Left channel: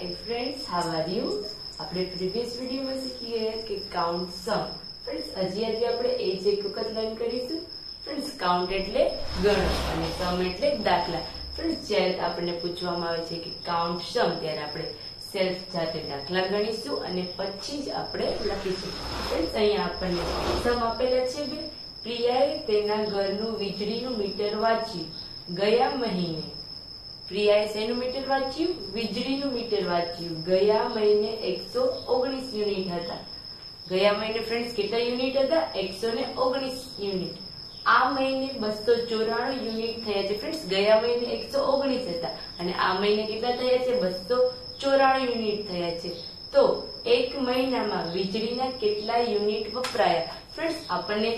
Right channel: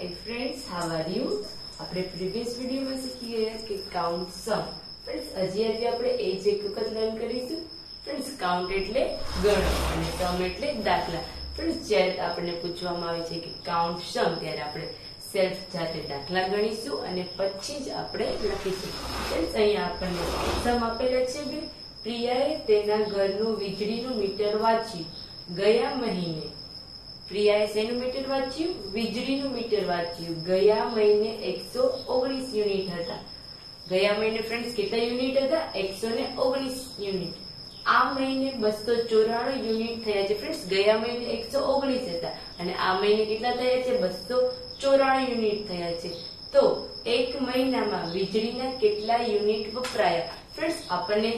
Hi friends, how are you? આપણે previous વિડીયોમાં શીખી ગયા કે કાઉન્ટ સમ. ફ્રેન્ડ્સ આજે આપણે એ જ એક વખત લર્ન કરીશું. ફ્રેન્ડ્સ કાઉન્ટ એટલે ગણો અને સમ એટલે દાખલા. ફ્રેન્ડ્સ જ્યારે આપણને પૂછવામાં આવે છે કે કાઉન્ટ સમ ત્યારે આપણે સેલ્ફ જાતે દાખલા ગણીશું અને પછી જ આપણે લખીશું. ફ્રેન્ડ્સ અહીંયા આપણને સમ આપેલા છે બે. પ્રિયાએ તેના ઘરનું વીજળીનું મીટર વાંચ્યું ગયા મહિને. પ્રિયાએ શેનું મીટર વાંચ્યું? વીજળીનું મીટર વાંચ્યું. ગયા મહિને 119 યુનિટ હતા. ગયા મહિને ફ્રેન્ડ્સ કેટલા યુનિટ હતા? 119 યુનિટ. આ મહિને 294 યુનિટ થયા છે. ફ્રેન્ડ્સ ગયા મહિને 119 હતા અને આ મહિને કેટલા થયા છે? 294 યુનિટ થયા છે. તો એક મહિનામાં વીજળીના કેટલા યુનિટ વપરાયા? ફ્રેન્ડ્સ આપણને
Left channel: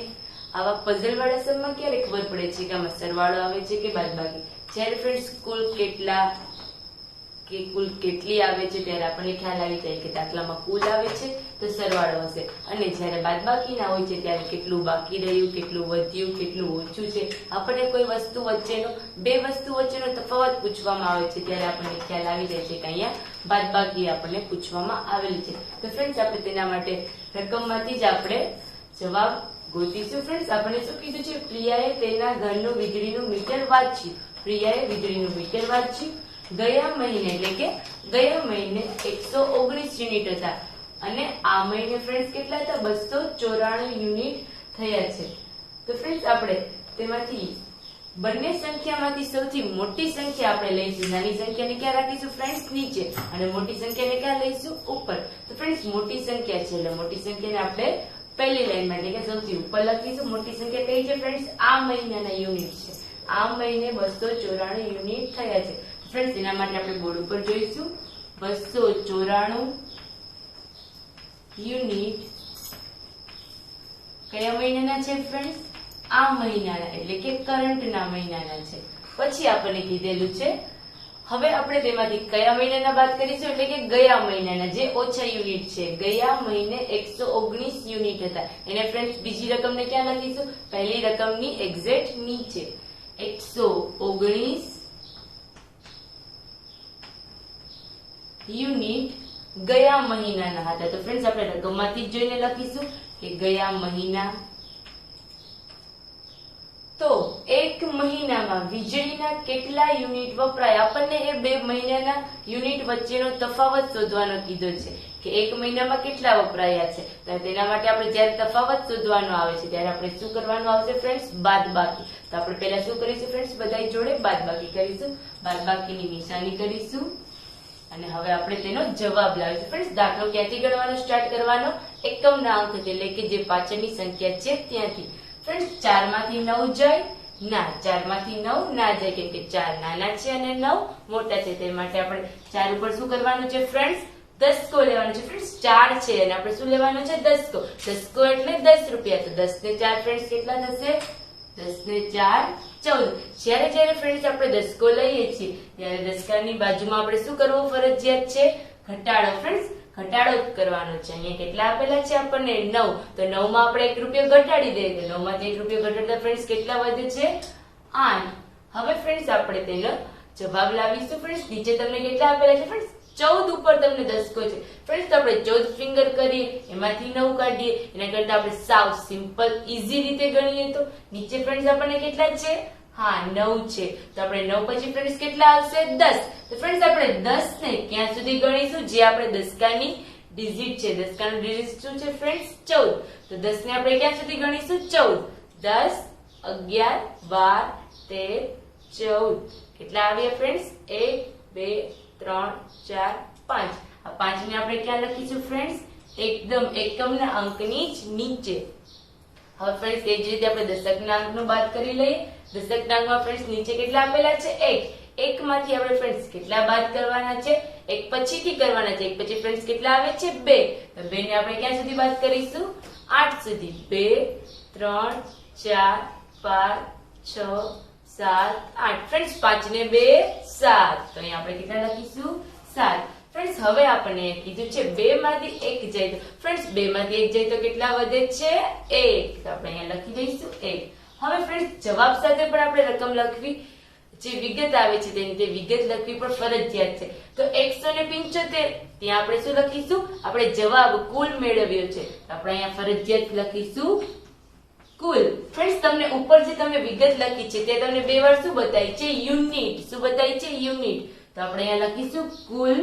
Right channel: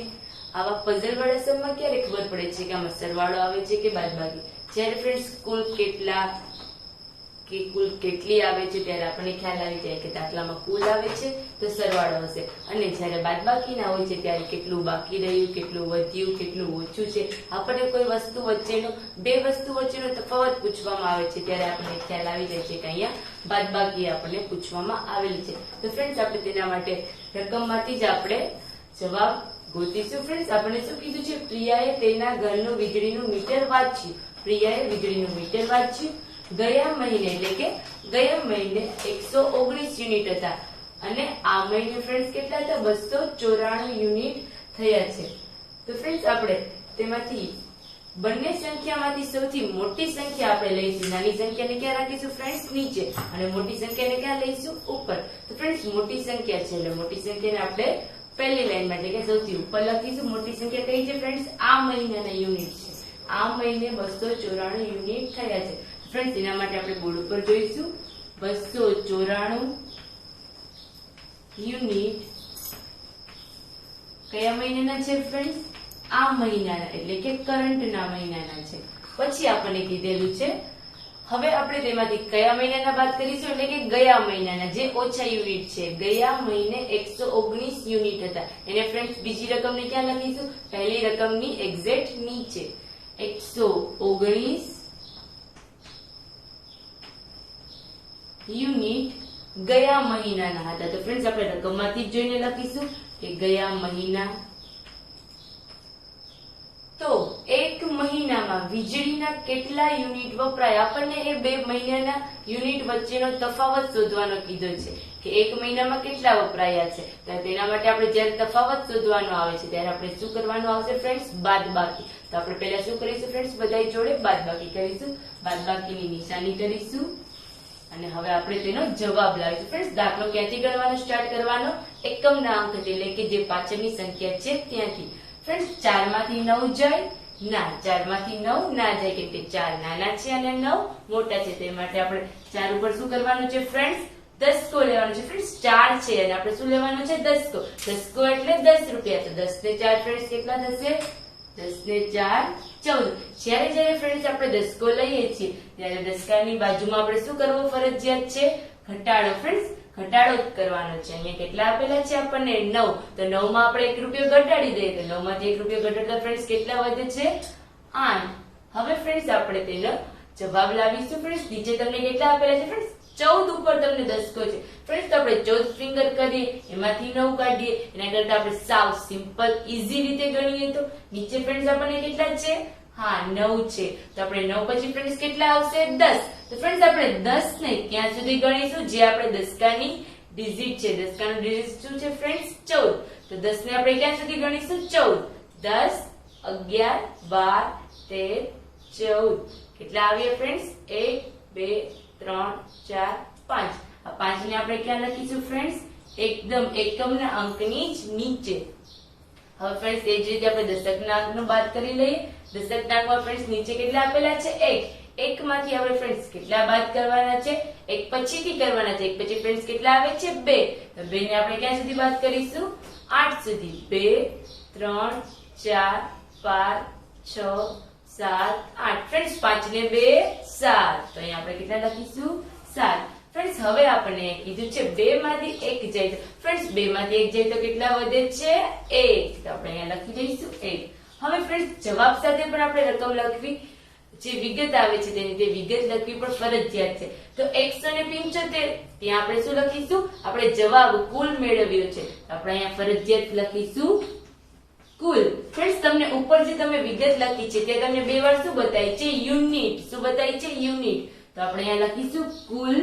આવા પઝલ વાળા સમમાં ક્યારે ખબર પડે છે કે આમાં સરવાળો આવે છે કે બાદબાકી? જ્યારે ફ્રેન્ડ્સ કુલ કેટલી આવે છે ત્યારે આપણને ખ્યાલ આવી જાય કે દાખલામાં કુલ આવે છે તો સરવાળો હશે, અને જ્યારે બાદબાકી ના હોય છે ત્યારે કેટલું બાકી રહ્યું, કેટલું વધ્યું, કેટલું ઓછું છે, આપણને કોઈ વસ્તુ વચ્ચેનો બે વસ્તુ વચ્ચેનો તફાવત પૂછવામાં આવે છે ત્યારે આપણને ખ્યાલ આવી જાય છે કે અહીંયા બાદબાકી આપણને પૂછવામાં આવેલી છે. તો ફ્રેન્ડ્સ આપણે તેના માટે રકમમાંથી જ આપણે જવાબ ગોતીશું. ફ્રેન્ડ્સ આપણને શું કીધું છે? પ્રિયાએ તેના ઘરનું વીજળીનું મીટર વાંચ્યું. પ્રિયાએ વીજળીનું મીટર વાંચ્યું ગયા મહિને, એટલે કે ગયા મહિને 119 યુનિટ હતા અને આ મહિને ફ્રેન્ડ્સ કેટલા હતા? 294 યુનિટ થયા છે. તો ફ્રેન્ડ્સ આપણે તેમાંથી બંને સંખ્યામાંથી સૌથી મોટી સંખ્યા આપણે લઈશું. નાની સંખ્યાને ક્યાં રાખીશું ફ્રેન્ડ્સ? નીચે, અને મોટી સંખ્યાને ક્યાં લઈશું? ઉપર. તો ફ્રેન્ડ્સ મોટી સંખ્યા છે એટલે મોટી સંખ્યાને આપણે પહેલી લાઈનમાં એટલે કે સૌથી ઉપર લખીશું. મોટી સંખ્યા કઈ છે ફ્રેન્ડ્સ? આ મહિનાના યુનિટ છે. આ મહિને 294 યુનિટ થયા છે. ફ્રેન્ડ્સ એના માટે આપણે બોર્ડ ઉપર જોઈશું 294 યુનિટ કયા મહિનાના છે ફ્રેન્ડ્સ? આ મહિનાના એટલે કે કરંટના મહિનાના છે. પછી આપણને કીધેલું છે હવે આપણે તેમાંથી કયા મહિનાના બાદ કરીશું એટલે કે ગયા મહિનાના જે ઓછા યુનિટ છે. ગયા મહિને 119 યુનિટ હતા એને ફ્રેન્ડ્સ બીજી રકમને ક્યાં લખીશું? પહેલી રકમની એક્ઝેક્ટ નીચે. 119 યુનિટ ગયા મહિનાના હતા. તો ફ્રેન્ડ્સ આપણે રકમમાંથી જ જોઈને લખીશું કે ગયા મહિના. તો એક મહિનામાં વીજળીના કેટલા યુનિટ વપરાય? આપણને એ બે મહિનાના યુનિટ વચ્ચેનો તફાવત શોધવાનો કીધો છે કે એક મહિનામાં કેટલા વપરાયા છે. તો તેના માટે આપણે જ્યારે તફાવત શોધવાનો આવે છે ત્યારે આપણે શું કરવાનું આવશે ફ્રેન્ડ્સ? બાદબાકી. તો આપણે પહેલા શું કરીશું ફ્રેન્ડ્સ? બધા જોડે બાદબાકી કરીશું. બાદબાકીની નિશાની કરીશું અને હવે આપણે તેનો જવાબ લાવીશું. ફ્રેન્ડ્સ દાખલો ક્યાંથી ગણવાનો સ્ટાર્ટ કરવાનો? એકમના અંક એટલે કે જે પાછળની સંખ્યા છે ત્યાંથી. ફ્રેન્ડ્સ 4 માંથી 9 જાય ના, 4 માંથી 9 ના જાય કેમ કે 4 નાના છે અને 9 મોટા છે. તે માટે આપણે 4 ઉપર શું કરવાનું છે ફ્રેન્ડ્સ? દસકો લેવાનો છે. ફ્રેન્ડ્સ 4 છે અને આપણે શું લેવાનું છે? દસકો. દસકો એટલે 10 રૂપિયા. તો 10 ને 4 ફ્રેન્ડ્સ કેટલા થશે? 10 ને 4 14. જ્યારે ફ્રેન્ડ્સ આપણે દસકો લઈએ છીએ ત્યારે દસકાની બાજુમાં આપણે શું કરવું ફરજિયાત છે? ઘટાડો. ફ્રેન્ડ્સ ઘટાડો જ કરવાનો છે. અહીંયા કેટલા આપેલા છે આપણને? 9. તો 9 માં આપણે 1 રૂપિયો ઘટાડી દઈએ તો 9 માંથી 1 રૂપિયો ઘટાડતા ફ્રેન્ડ્સ કેટલા વધે છે? 8. હવે ફ્રેન્ડ્સ આપણે તેનો જવાબ લાવીશું. ફ્રેન્ડ્સ નીચે તમને કેટલા આપેલા છે ફ્રેન્ડ્સ? 14 ઉપર તમને દસકો છે. ફ્રેન્ડ્સ તો આપણે 14 ફિંગર કરીએ એમાંથી 9 કાઢીએ. એના કરતા આપણે સાવ સિમ્પલ ઈઝી રીતે ગણીએ તો નીચે ફ્રેન્ડ્સ આપણને કેટલા છે? હા 9 છે. તો આપણે 9 પછી ફ્રેન્ડ્સ કેટલા આવશે? 10. તો ફ્રેન્ડ્સ આપણે 10 ને ક્યાં સુધી ગણીશું? જે આપણે દસકાની ડિજિટ છે. દસકાનું ડિજિટ શું છે ફ્રેન્ડ્સ? 14. તો 10 ને આપણે ક્યાં સુધી ગણીશું? 14. 10 11 12 13 14. કેટલા આવ્યા ફ્રેન્ડ્સ? 1 2 3 4 5. આ 5 ને આપણે ક્યાં લખીશું ફ્રેન્ડ્સ? એકદમ એકમના અંકની જ નીચે. હવે ફ્રેન્ડ્સ એ જ રીતે આપણે દશકના અંકનું બાદ કરી લઈએ. દશકના અંકમાં ફ્રેન્ડ્સ નીચે કેટલા આપેલા છે? 1. 1 માંથી આપણે ફ્રેન્ડ્સ કેટલા બાદ કરવાના છે? 1 પછીથી કરવાના છે. 1 પછી ફ્રેન્ડ્સ કેટલા આવે છે? 2. તો 2 ને આપણે ક્યાં સુધી બાદ કરીશું? 8 સુધી. 2 3 4 5 6 7 8. ફ્રેન્ડ્સ 5 ને 2 7. તો અહીંયા આપણે કેટલા લખીશું? 7. ફ્રેન્ડ્સ હવે આપણે કીધું છે 2 માંથી 1 જાય તો ફ્રેન્ડ્સ 2 માંથી 1 જાય તો કેટલા વધે છે? 1. તો આપણે અહીંયા લખી દઈશું 1. હવે ફ્રેન્ડ્સ જવાબ સાથે પણ આપણે રકમ લખવી જે વિગત આવે છે તેની કે વિગત લખવી પણ ફરજિયાત છે. તો 175 ત્યાં આપણે શું લખીશું? આપણે જવાબ કુલ મેળવ્યો છે, આપણે અહીંયા ફરજિયાત લખીશું કુલ. ફ્રેન્ડ્સ, તમને ઉપર જે તમે વિગત લખી છે તે તમને બે વાર શું બતાવી છે? યુનિટ. શું બતાવી છે? યુનિટ. તો આપણે અહીંયા લખીશું કુલ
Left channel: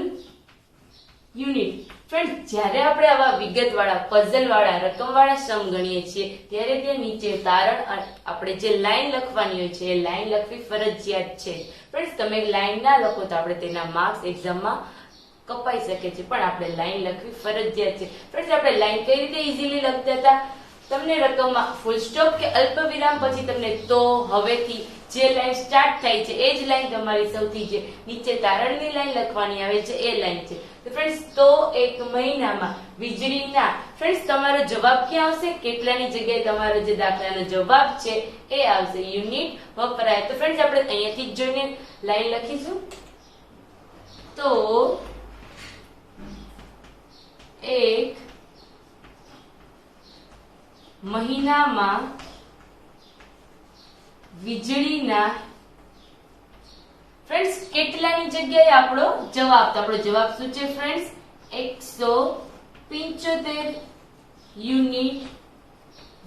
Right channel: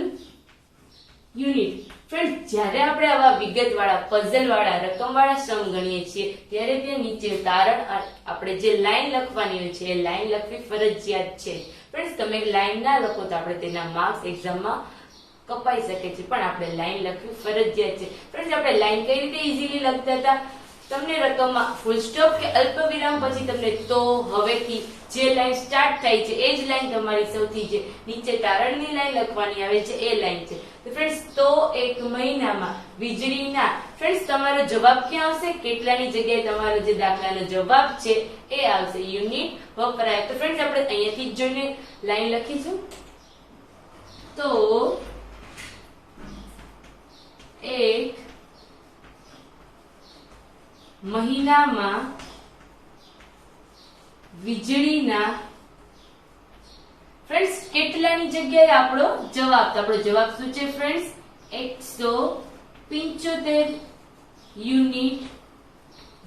યુનિટ. ફ્રેન્ડ્સ, જ્યારે આપણે આવા વિગત વાળા, પઝલ વાળા, રકમ વાળા સમ ગણીએ છીએ ત્યારે ત્યાં નીચે તારણ આપણે જે લાઈન લખવાની હોય છે એ લાઈન લખવી ફરજિયાત છે. ફ્રેન્ડ્સ, તમે લાઈન ના લખો તો આપણે તેના માર્ક્સ એક્ઝામમાં કપાઈ શકે છે, પણ આપણે લાઈન લખવી ફરજિયાત છે. ફ્રેન્ડ્સ, આપણે લાઈન કઈ રીતે ઈઝીલી લખતા હતા? તમને રકમમાં ફૂલ સ્ટોપ કે અલ્પ વિરામ પછી તમને તો, હવેથી જે લાઈન સ્ટાર્ટ થાય છે એ જ લાઈન તમારી સૌથી જે નીચે તારણની લાઈન લખવાની આવે છે એ લાઈન છે. તો ફ્રેન્ડ્સ, તો એક મહિનામાં વીજળીના, ફ્રેન્ડ્સ તમારો જવાબ ક્યાં આવશે? કેટલાની જગ્યાએ તમારો જે દાખલાનો જવાબ છે એ આવશે યુનિટ વપરાય. તો ફ્રેન્ડ્સ, આપણે અહીંયાથી જ જોઈને લાઈન લખીશું. તો એક મહિનામાં વીજળીના, ફ્રેન્ડ્સ કેટલાની જગ્યાએ આપણો જવાબ, તો આપણો જવાબ શું છે ફ્રેન્ડ્સ? 175 યુનિટ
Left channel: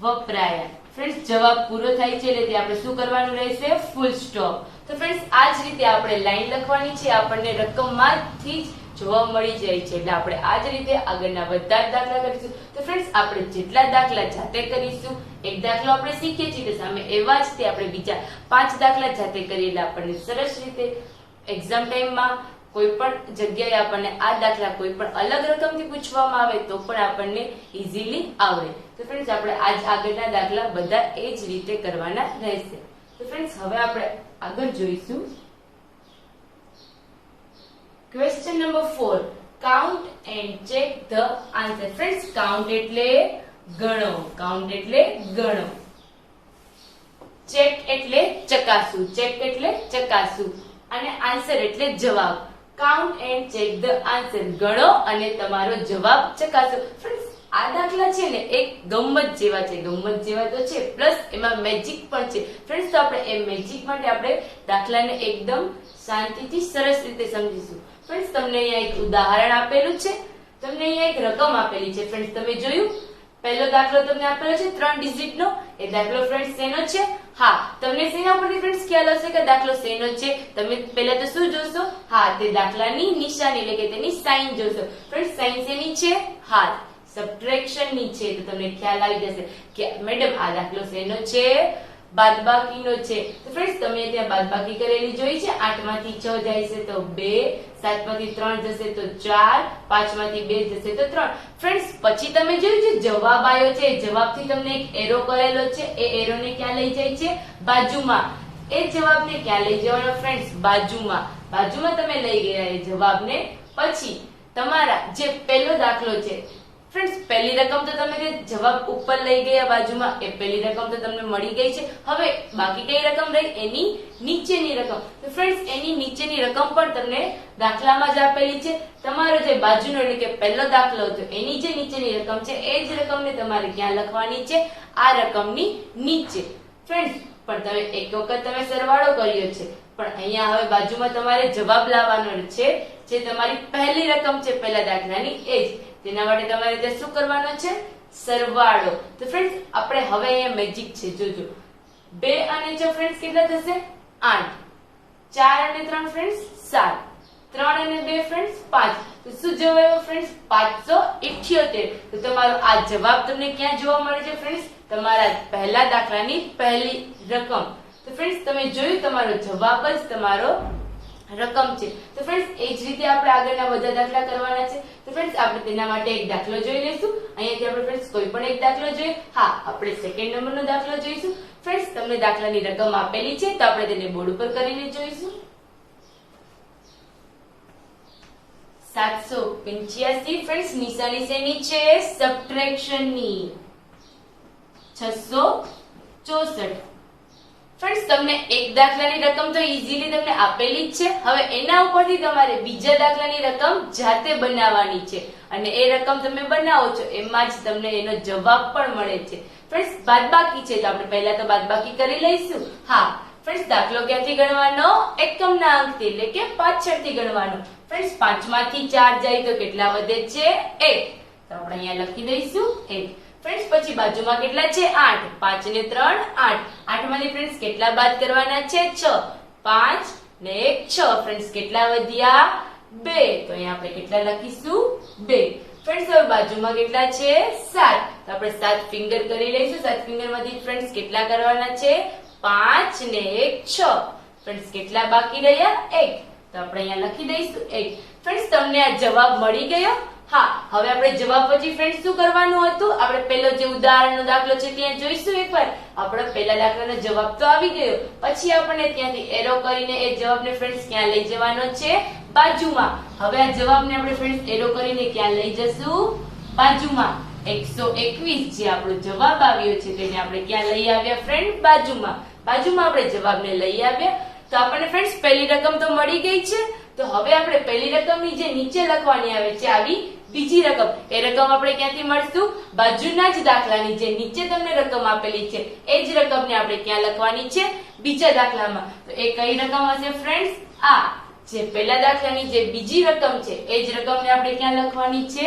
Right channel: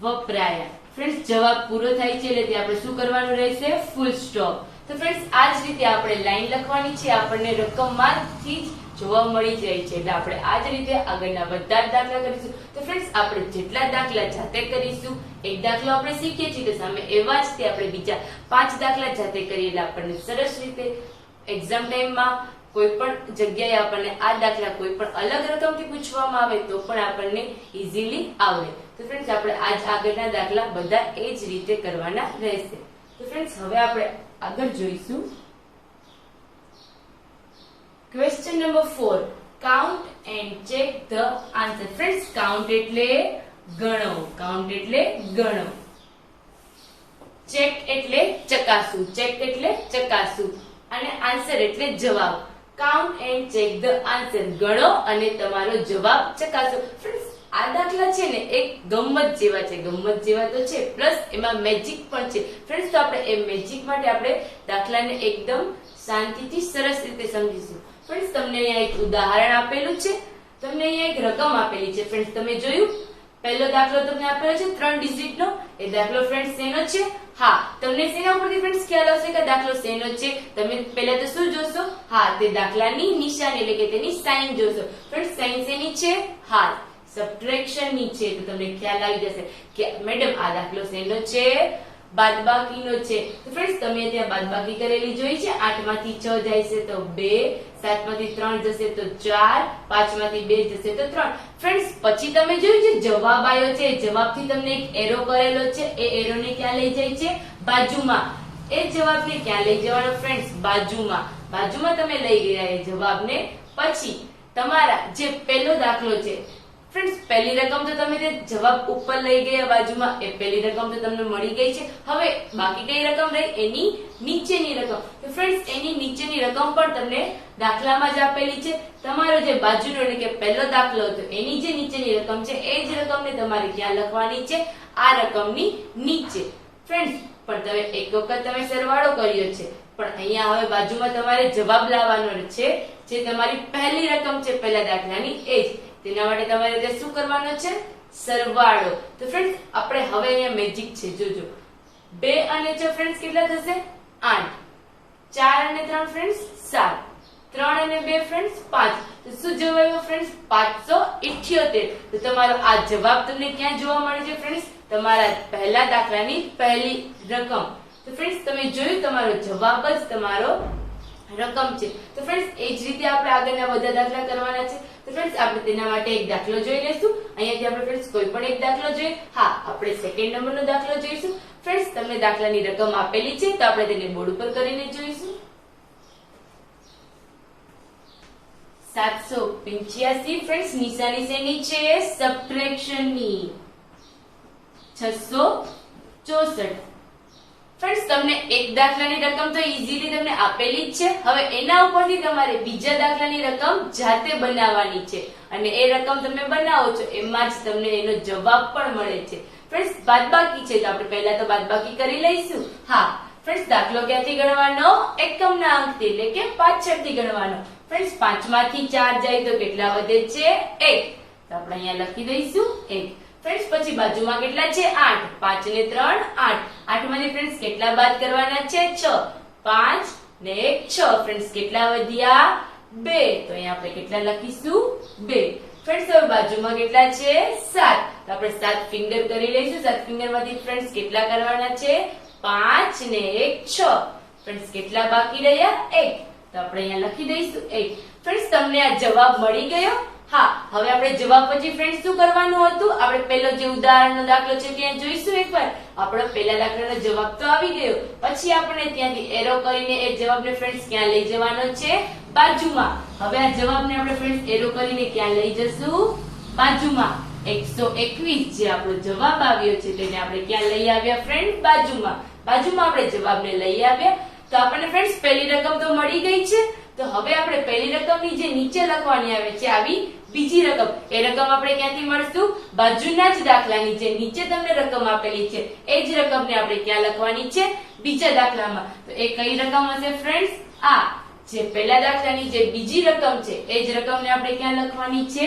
વપરાયા. ફ્રેન્ડ્સ, જવાબ પૂરો થાય છે એટલે આપણે શું કરવાનું રહેશે? Full stop. તો ફ્રેન્ડ્સ, આ જ રીતે આપણે લાઈન લખવાની છે, આપણને રકમમાંથી જ જોવા મળી જાય છે. એટલે આપણે આ જ રીતે આગળના બધા જ દાખલા કરીશું. તો ફ્રેન્ડ્સ, આપણે જેટલા દાખલા જાતે કરીશું, એક દાખલો આપણે શીખીએ છીએ તો સામે એવા જ તે આપણે બીજા 5 દાખલા જાતે કરીએ એટલે આપણને સરસ રીતે એક્ઝામ ટાઈમમાં કોઈ પણ જગ્યાએ આપણને આ દાખલા કોઈ પણ અલગ રકમથી પૂછવામાં આવે તો પણ આપણને ઈઝીલી આવડે. તો ફ્રેન્ડ્સ, આપણે આજ આગળના દાખલા બધા એ જ રીતે કરવાના રહેશે. તો ફ્રેન્ડ્સ, હવે આપણે આગળ જોઈશું question number 4. Count and check the answer. Friends, count એટલે ગણો, કાઉન્ટ એટલે ગણો, ચેક એટલે ચકાસવું, ચેક એટલે ચકાસવું, અને આન્સર એટલે જવાબ. Count and check the answer, ગણો અને તમારો જવાબ ચકાસો. ફ્રેન્ડ્સ, આ દાખલા છે ને એક ગમ્મત જેવા છે, ગમ્મત જેવા તો છે, પ્લસ એમાં મેજિક પણ છે. ફ્રેન્ડ્સ, તો આપણે એ મેજિક માટે આપણે દાખલાને એકદમ શાંતિથી સરસ રીતે સમજીશું. ફ્રેન્ડ્સ, તમને અહીંયા એક ઉદાહરણ આપેલું છે, તમને અહીંયા એક રકમ આપેલી છે. ફ્રેન્ડ્સ, તમે જોયું પહેલો દાખલો તમને આપેલો છે 3 ડિજિટનો. એ દાખલો ફ્રેન્ડ્સ શેનો છે? હા, તમને શેના ઉપરથી ફ્રેન્ડ્સ ખ્યાલ આવશે કે દાખલો શેનો છે? તમે પહેલા તો શું જોશો? હા, તે દાખલાની નિશાની એટલે કે તેની સાઇન જોશો. ફ્રેન્ડ્સ, સાઇન શેની છે? હા, સબટ્રેક્શન ની છે. તો તમને ખ્યાલ આવી જશે કે મેડમ આ દાખલો શેનો છે? બાદબાકીનો છે. તો ફ્રેન્ડ્સ, તમે ત્યાં બાદબાકી કરેલી જોઈ છે. 8 માંથી 6 જાય છે તો 2, 7 માંથી 3 જશે તો 4, 5 માંથી 2 જશે તો 3. ફ્રેન્ડ્સ, પછી તમે જોયું છે જવાબ આવ્યો છે, જવાબથી તમને એક એરો કરેલો છે, એ એરોને ક્યાં લઈ જાય છે? બાજુમાં. એ જવાબને ક્યાં લઈ જવાનો ફ્રેન્ડ્સ? બાજુમાં. બાજુમાં તમે લઈ ગયા એ જવાબને. પછી તમારા જે પહેલો દાખલો છે ફ્રેન્ડ્સ, પહેલી રકમ તો તમે જવાબ ઉપર લઈ ગયા બાજુમાં, એ પહેલી રકમ તો તમને મળી ગઈ છે. હવે બાકી કઈ રકમ રહી? એની નીચેની રકમ. તો ફ્રેન્ડ્સ, એની નીચેની રકમ પણ તમને દાખલામાં જ આપેલી છે. તમારો જે બાજુનો એટલે કે પહેલો દાખલો હતો એની જે નીચેની રકમ છે એ જ રકમને તમારે ત્યાં લખવાની છે, આ રકમની નીચે. ફ્રેન્ડ્સ, પણ તમે એક વખત તમે સરવાળો કર્યો છે, પણ અહીંયા હવે બાજુમાં તમારે જવાબ લાવવાનો છે, જે તમારી પહેલી રકમ છે પહેલા દાખલાની એ જ. તેના માટે તમારે તે શું કરવાનું છે? સરવાળો. તો ફ્રેન્ડ્સ, આપણે હવે અહીંયા મેજિક છે, જોજો. 2 અને 6 ફ્રેન્ડ્સ કેટલા થશે? 8. 4 અને 3 ફ્રેન્ડ્સ 7. 3 અને 2 ફ્રેન્ડ્સ 5. તો શું જવાબ આવ્યો ફ્રેન્ડ્સ? 578. તો તમારો આ જવાબ તમને ક્યાં જોવા મળે છે ફ્રેન્ડ્સ? તમારા પહેલા દાખલાની પહેલી રકમ. તો ફ્રેન્ડ્સ, તમે જોયું તમારો જવાબ જ તમારો રકમ છે. તો ફ્રેન્ડ્સ, એ જ રીતે આપણે આગળના બધા દાખલા કરવાના છે. તો ફ્રેન્ડ્સ, આપણે તેના માટે એક દાખલો જોઈ લઈશું. અહીંયાથી આપણે ફ્રેન્ડ્સ કોઈ પણ એક દાખલો જોઈએ. હા, આપણે સેકન્ડ નંબરનો દાખલો જોઈશું. ફ્રેન્ડ્સ, તમને દાખલાની રકમ આપેલી છે તો આપણે તેને બોર્ડ ઉપર કરીને જોઈશું. 785. ફ્રેન્ડ્સ, નિશાની શેની છે? સબટ્રેક્શનની. 664. ફ્રેન્ડ્સ, તમને એક દાખલાની રકમ તો ઈઝીલી તમને આપેલી જ છે. હવે એના ઉપરથી તમારે બીજા દાખલાની રકમ જાતે બનાવવાની છે, અને એ રકમ તમે બનાવો છો એમાં જ તમને એનો જવાબ પણ મળે છે. ફ્રેન્ડ્સ, બાદબાકી છે તો આપણે પહેલા તો બાદબાકી કરી લઈશું. હા, ફ્રેન્ડ્સ દાખલો ક્યાંથી ગણવાનો? એકમના અંકથી એટલે કે પાછળથી ગણવાનો. ફ્રેન્ડ્સ 5 માંથી 4 જાય તો કેટલા વધે છે? 1. તો આપણે અહીંયા લખી દઈશું 1. ફ્રેન્ડ્સ પછી બાજુમાં કેટલા છે? 8. 5 ને 3 8. 8 માંથી ફ્રેન્ડ્સ કેટલા બાદ કરવાના છે? 6. 5 ને 1 6. ફ્રેન્ડ્સ કેટલા વધ્યા? 2. તો અહીંયા આપણે કેટલા લખીશું? 2. ફ્રેન્ડ્સ હવે બાજુમાં કેટલા છે? 7. તો આપણે 7 ફિંગર કરી લઈશું. 7 ફિંગર માંથી ફ્રેન્ડ્સ કેટલા કરવાના છે? 5 ને 1 6. ફ્રેન્ડ્સ કેટલા બાકી રહ્યા? 1. તો આપણે અહીંયા લખી દઈશું 1. ફ્રેન્ડ્સ તમને આ જવાબ મળી ગયો? હા, હવે આપણે જવાબ પછી ફ્રેન્ડ્સ શું કરવાનું હતું? આપણે પહેલો જે ઉદાહરણનો દાખલો છે ત્યાં જોઈશું એકવાર. આપણો પહેલા દાખલાનો જવાબ તો આવી ગયો. પછી આપણે ત્યાંથી એરો કરીને એ જવાબને ફ્રેન્ડ્સ ક્યાં લઈ જવાનો છે? બાજુમાં. હવે આ જવાબને આપણે ફ્રેન્ડ્સ એરો કરીને ક્યાં લઈ જશું? બાજુમાં. 121 જે આપણો જવાબ આવ્યો છે તેને આપણે ક્યાં લઈ આવ્યા ફ્રેન્ડ? બાજુમાં. બાજુમાં આપણે જવાબને લઈ આવ્યા. તો આપણને ફ્રેન્ડ્સ પહેલી રકમ તો મળી ગઈ છે. તો હવે આપણે પહેલી રકમની જે નીચે લખવાની આવે છે આવી બીજી રકમ, એ રકમ આપણે ક્યાંથી મળશું? બાજુના જ દાખલાની જે નીચે તમને રકમ આપેલી છે એ જ રકમને આપણે ક્યાં લખવાની છે? બીજા દાખલામાં. તો એ કઈ રકમ હશે ફ્રેન્ડ્સ? આ જે પહેલા દાખલાની જે બીજી રકમ છે એ જ રકમને આપણે ક્યાં લખવાની છે?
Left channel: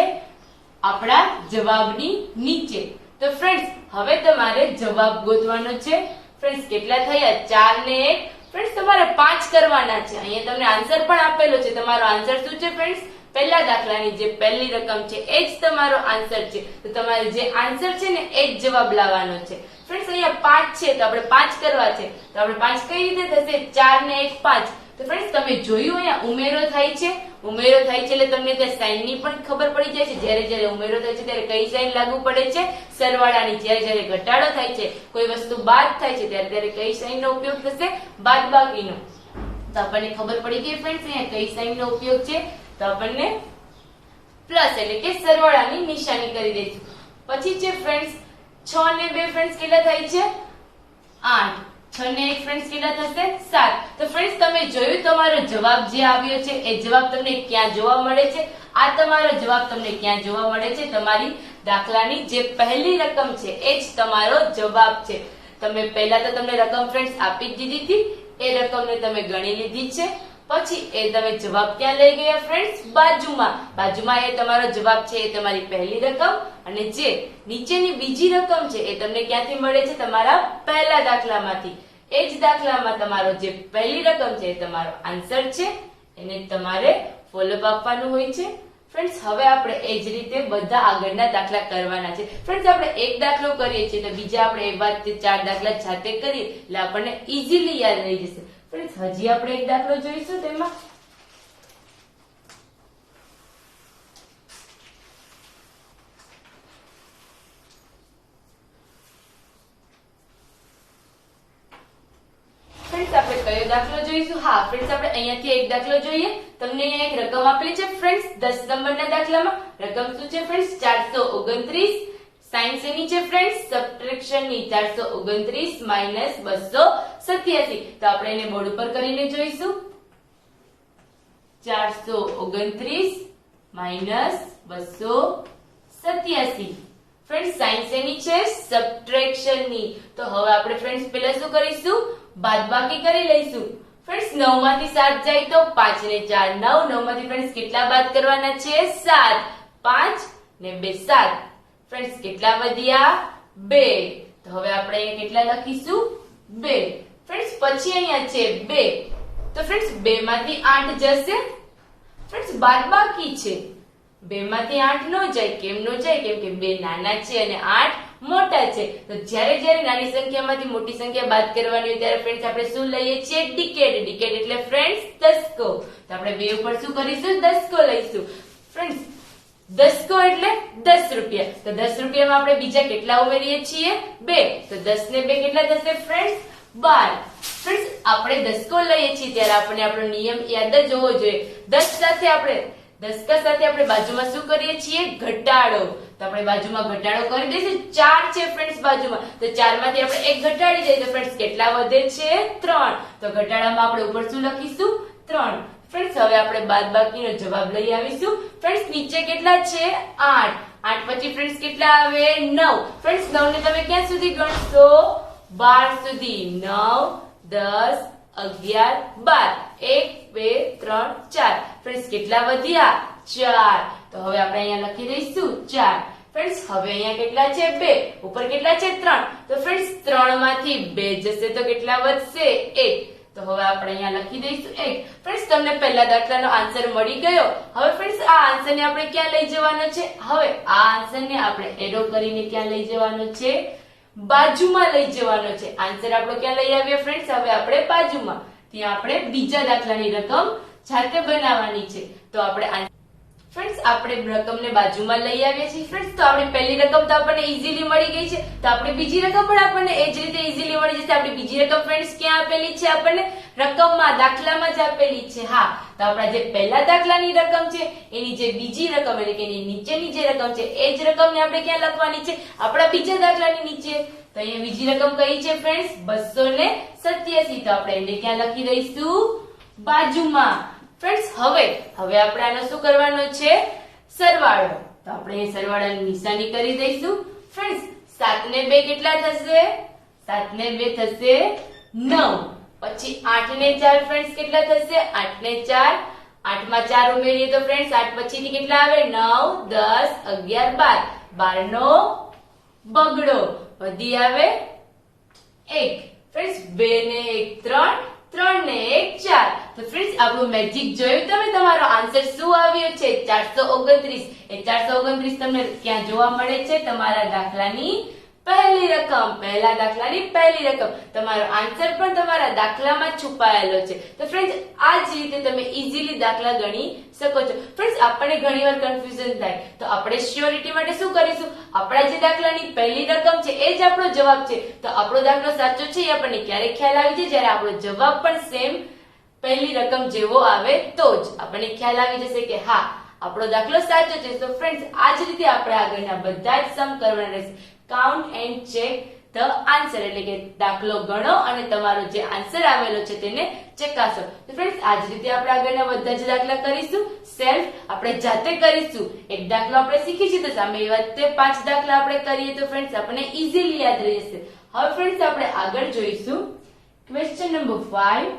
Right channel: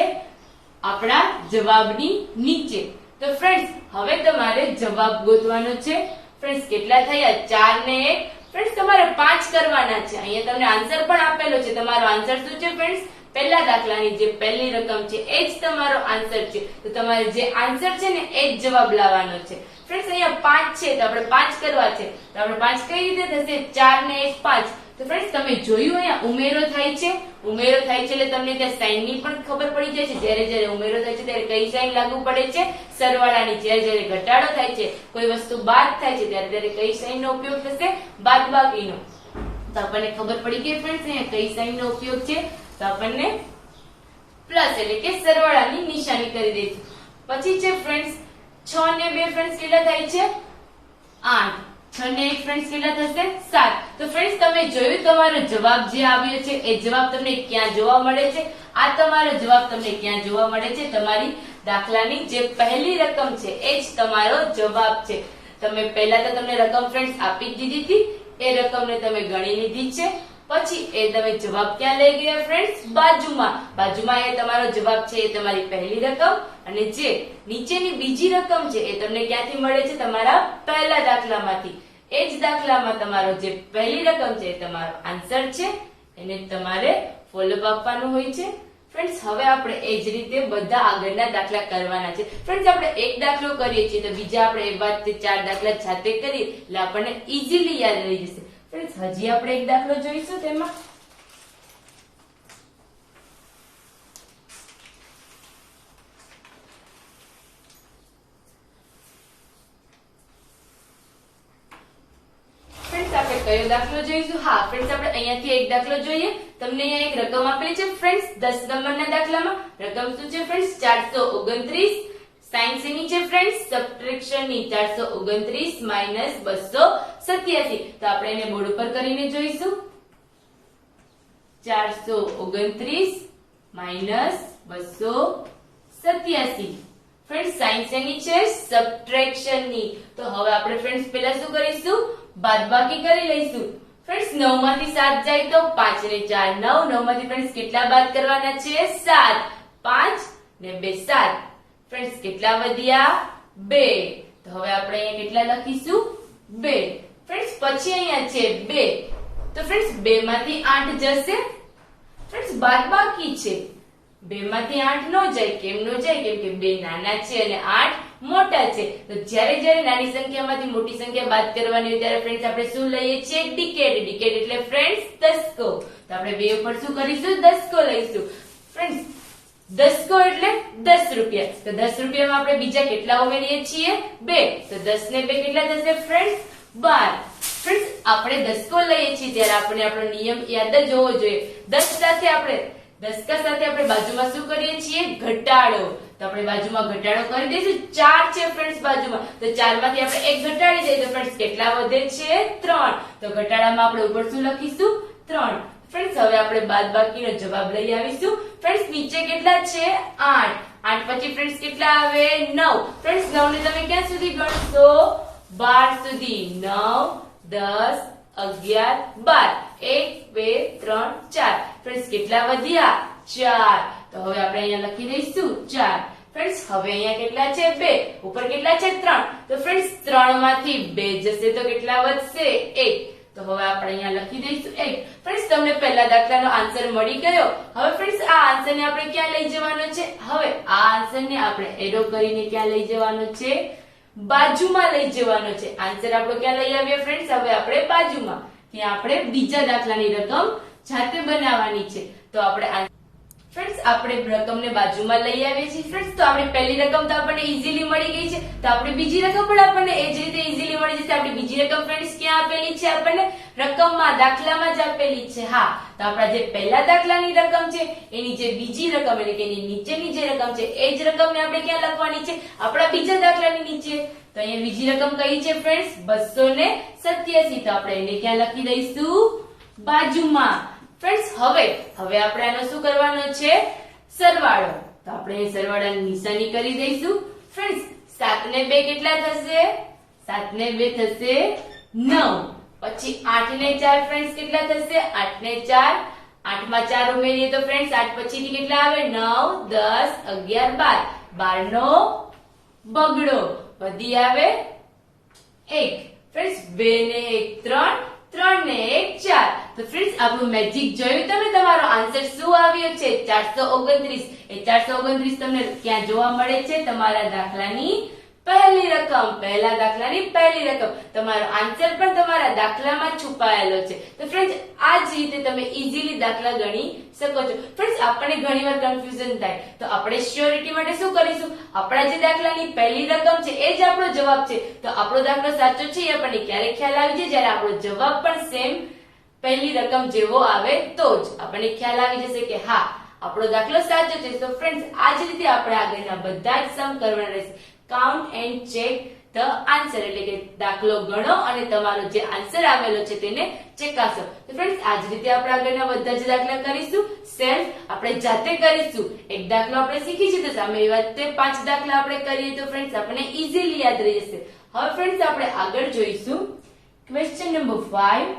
આપણા જવાબની નીચે. તો ફ્રેન્ડ્સ હવે તમારે જવાબ ગોતવાનો છે. ફ્રેન્ડ્સ કેટલા થયા? 4 ને 1. ફ્રેન્ડ્સ તમારે 5 કરવાના છે. અહીંયા તમને આન્સર પણ આપેલો છે. તમારો આન્સર શું છે ફ્રેન્ડ્સ? પહેલા દાખલાની જે પહેલી રકમ છે એ જ તમારો આન્સર છે. તો તમારે જે આન્સર છે ને એ જ જવાબ લાવવાનો છે. ફ્રેન્ડ્સ અહીંયા 5 છે તો આપણે 5 કરવા છે. તો આપણે 5 કઈ રીતે થશે? 4 ને 1 5. તો ફ્રેન્ડ્સ તમે જોયું અહીંયા ઉમેરો થાય છે. ઉમેરો થાય છે એટલે તમને ત્યાં સાઈન ની પણ ખબર પડી જાય છે. જ્યારે જ્યારે ઉમેરો થાય છે ત્યારે કઈ સાઈન લાગુ પડે છે? સરવાળાની. જ્યારે જ્યારે ઘટાડો થાય છે, કોઈ વસ્તુ બાદ થાય છે ત્યારે ત્યારે કઈ સાઈન નો ઉપયોગ થશે? બાદબાકીનો. તો આપણને ખબર પડી ગઈ ફ્રેન્ડ્સ અહીંયા કઈ સાઈન નો ઉપયોગ છે? તો આપણને પ્લસ એટલે કે સરવાળાની નિશાની કરી દઈશું. પછી છે ફ્રેન્ડ્સ 6 ને 2 ફ્રેન્ડ્સ કેટલા થાય છે? 8. 6 ને 1 ફ્રેન્ડ્સ કેટલા થશે? 7. તો ફ્રેન્ડ્સ તમે જોયું તમારો જવાબ જે આવ્યો છે એ જવાબ તમને ક્યાં જોવા મળે છે? આ તમારો જવાબ તમને ક્યાં જોવા મળે છે? તમારી દાખલાની જે પહેલી રકમ છે એ જ તમારો જવાબ છે. તમે પહેલા તો તમને રકમ ફ્રેન્ડ્સ આપી જ દીધી હતી. એ રકમને તમે ગણી લીધી છે. પછી એ તમે જવાબ ક્યાં લઈ ગયા ફ્રેન્ડ્સ? બાજુમાં. બાજુમાં એ તમારો જવાબ છે એ તમારી પહેલી રકમ, અને જે નીચેની બીજી રકમ છે એ તમને ક્યાંથી મળે છે? તમારા પહેલા દાખલામાંથી. એ જ દાખલામાં તમારો જે પહેલી રકમ છે એ તમારો આન્સર છે. એને તમારે ફોલોઅપ આપવાનું હોય છે. ફ્રેન્ડ્સ હવે આપણે એ જ રીતે બધા આગળના દાખલા કરવાના છે. ફ્રેન્ડ્સ આપણે એક દાખલો કરીએ છીએ તો બીજા આપણે એ વાત 4 દાખલા જાતે કરીએ એટલે આપણને ઈઝીલી યાદ રહી જશે. ફ્રેન્ડ્સ હજી આપણે એક દાખલો જોઈશું. તેમાં ફ્રેન્ડ્સ આપણે કયો દાખલો જોઈશું? હા ફ્રેન્ડ્સ આપણે અહીંયાથી એક દાખલો જોઈએ. તમને અહીંયા એક રકમ આપેલી છે ફ્રેન્ડ્સ 10 નંબરના દાખલામાં. રકમ શું છે ફ્રેન્ડ્સ? 429. સાઈન શેની છે ફ્રેન્ડ્સ? સબટ્રેક્શન ની. 429 માઇનસ 287. તો આપણે એને બોર્ડ ઉપર કરીને જોઈશું. 429 માઇનસ 287. ફ્રેન્ડ્સ સાઈન શેની છે? સબટ્રેક્શન ની. તો હવે આપણે ફ્રેન્ડ્સ પહેલા શું કરીશું? બાદબાકી કરી લઈશું. ફ્રેન્ડ્સ 9 માંથી 7 જાય તો 5 ને 4 9. 9 માંથી ફ્રેન્ડ્સ કેટલા બાદ કરવાના છે? 7. 5 ને 2 7. ફ્રેન્ડ્સ કેટલા વધ્યા? 2. તો હવે આપણે અહીંયા કેટલા લખીશું? 2. ફ્રેન્ડ્સ પછી અહીંયા છે 2. તો ફ્રેન્ડ્સ 2 માંથી 8 જશે. ફ્રેન્ડ્સ બાદબાકી છે. 2 માંથી 8 નો જાય. કેમ નો જાય? કેમ કે 2 નાના છે અને 8 મોટા છે. તો જ્યારે જ્યારે નાની સંખ્યામાંથી મોટી સંખ્યા બાદ કરવાની હોય ત્યારે ફ્રેન્ડ્સ આપણે શું લઈએ છીએ? ડિકેડ. ડિકેડ એટલે ફ્રેન્ડ્સ દસકો. તો આપણે 2 ઉપર શું કરીશું? દસકો લઈશું. ફ્રેન્ડ્સ દસકો એટલે 10 રૂપિયા. તો 10 રૂપિયામાં આપણે બીજા કેટલા ઉમેરીએ છીએ? 2. તો 10 ને 2 કેટલા થશે ફ્રેન્ડ્સ? 12. ફ્રેન્ડ્સ આપણે દસકો લઈએ છીએ ત્યારે આપણે આપણો નિયમ યાદ જ હોવો જોઈએ. 10 સાથે આપણે દસકા સાથે આપણે બાજુમાં શું કરીએ છીએ? ઘટાડો. તો આપણે બાજુમાં ઘટાડો કરી દઈશું. 4 છે ફ્રેન્ડ્સ બાજુમાં. તો 4 માંથી આપણે 1 ઘટાડી દઈએ તો ફ્રેન્ડ્સ કેટલા વધે છે? 3. તો ઘટાડામાં આપણે ઉપર શું લખીશું? 3. ફ્રેન્ડ્સ હવે આપણે બાદબાકીનો જવાબ લઈ આવીશું. ફ્રેન્ડ્સ નીચે કેટલા છે? 8. 8 પછી ફ્રેન્ડ્સ કેટલા આવે? 9. ફ્રેન્ડ્સ 9 ને તમે ક્યાં સુધી ગણશો? 12 સુધી. 9 10, 11, 12. 1, 2, 3, 4. ફ્રેન્ડ્સ કેટલા વધ્યા? 4. તો હવે આપણે અહીંયા લખી દઈશું 4. ફ્રેન્ડ્સ હવે અહીંયા કેટલા છે? 2. ઉપર કેટલા છે? 3. તો ફ્રેન્ડ્સ 3 માંથી 2 જશે તો કેટલા વધશે? 1. તો હવે આપણે અહીંયા લખી દઈશું 1. ફ્રેન્ડ્સ તમને પહેલા દાખલાનો આન્સર મળી ગયો. હવે ફ્રેન્ડ્સ આ આન્સરને આપણે ક્યાં લઈ જવાનો છે? હવે આ આન્સરને આપણે એરો કરીને ક્યાં લઈ જવાનો છે? બાજુમાં લઈ જવાનો છે. આન્સર આપણો ક્યાં લઈ આવ્યો ફ્રેન્ડ્સ? હવે આપણે બાજુમાં. ત્યાં આપણે બીજા દાખલાની રકમ જાતે બનાવવાની છે. તો આપણે ફ્રેન્ડ્સ આપણે રકમને બાજુમાં લઈ આવીએ છીએ. ફ્રેન્ડ્સ તો આપણી પહેલી રકમ તો આપણને ઈઝીલી મળી ગઈ છે. તો આપણી બીજી રકમ પણ આપણને એ જ રીતે ઈઝીલી મળી જશે. આપણી બીજી રકમ ફ્રેન્ડ્સ ક્યાં આપેલી છે? આપણને રકમમાં, દાખલામાં જ આપેલી છે. હા, તો આપણા જે પહેલા દાખલાની રકમ છે એની જે બીજી રકમ એટલે કે એની નીચેની જે રકમ છે એ જ રકમને આપણે ક્યાં લખવાની છે? આપણા બીજા દાખલાની નીચે. તો અહીંયા બીજી રકમ કઈ છે ફ્રેન્ડ્સ? 287. તો આપણે એને ક્યાં લખી દઈશું? બાજુમાં. ફ્રેન્ડ્સ હવે આપણે આનો શું કરવાનો છે? સરવાળો. તો આપણે સરવાળાની નિશાની કરી દઈશું. ફ્રેન્ડ્સ 7 ને 2 કેટલા થશે? 7 ને 2 થશે 9. પછી 8 ને 4 ફ્રેન્ડ્સ કેટલા થશે? 8 ને 4. 8 માં 4 ઉમેરીએ તો ફ્રેન્ડ્સ 8 પછીથી કેટલા આવે? 9, 10, 11, 12. 12 નો બગડો વધી આવે 1. ફ્રેન્ડ્સ 2 ને 1 3, 3 ને 1 4. તો ફ્રેન્ડ્સ આપણું મેજિક જોયું તમે? તમારો આન્સર શું આવ્યો છે? 429. એ 429 તમને ક્યાં જોવા મળે છે? તમારા દાખલાની પહેલી રકમ, પહેલા દાખલાની પહેલી રકમ. તમારો આન્સર પણ તમારા દાખલામાં છુપાયેલો છે. તો ફ્રેન્ડ્સ આ જ રીતે તમે ઈઝીલી દાખલા ગણી શકો છો. ફ્રેન્ડ્સ આપણને ઘણીવાર કન્ફ્યુઝન થાય તો આપણે શ્યોરિટી માટે શું કરીશું? આપણા જે દાખલાની પહેલી રકમ છે એ જ આપણો જવાબ છે. તો આપણો દાખલો સાચો છે એ આપણને ક્યારે ખ્યાલ આવી જાય? જ્યારે આપણો જવાબ પણ સેમ પહેલી રકમ જેવો આવે તો જ આપણને ખ્યાલ આવી જશે કે હા આપણો દાખલો સાચો છે. તો ફ્રેન્ડ્સ આ જ રીતે આપણે આગળના બધા જ સમ કરવાના રહેશે. Count and check the answer એટલે કે દાખલો ગણો અને તમારો જે આન્સર આવેલો છે તેને ચકાસો. તો ફ્રેન્ડ્સ આ જ રીતે આપણે આગળના બધા જ દાખલા કરીશું. સેલ્ફ આપણે જાતે કરીશું. એક દાખલો આપણે શીખી છે તો સામે વાત 5 દાખલા આપણે કરીએ તો ફ્રેન્ડ્સ આપણને ઈઝીલી યાદ રહી જશે. હવે ફ્રેન્ડ્સ આપણે આગળ જોઈશું question number 5.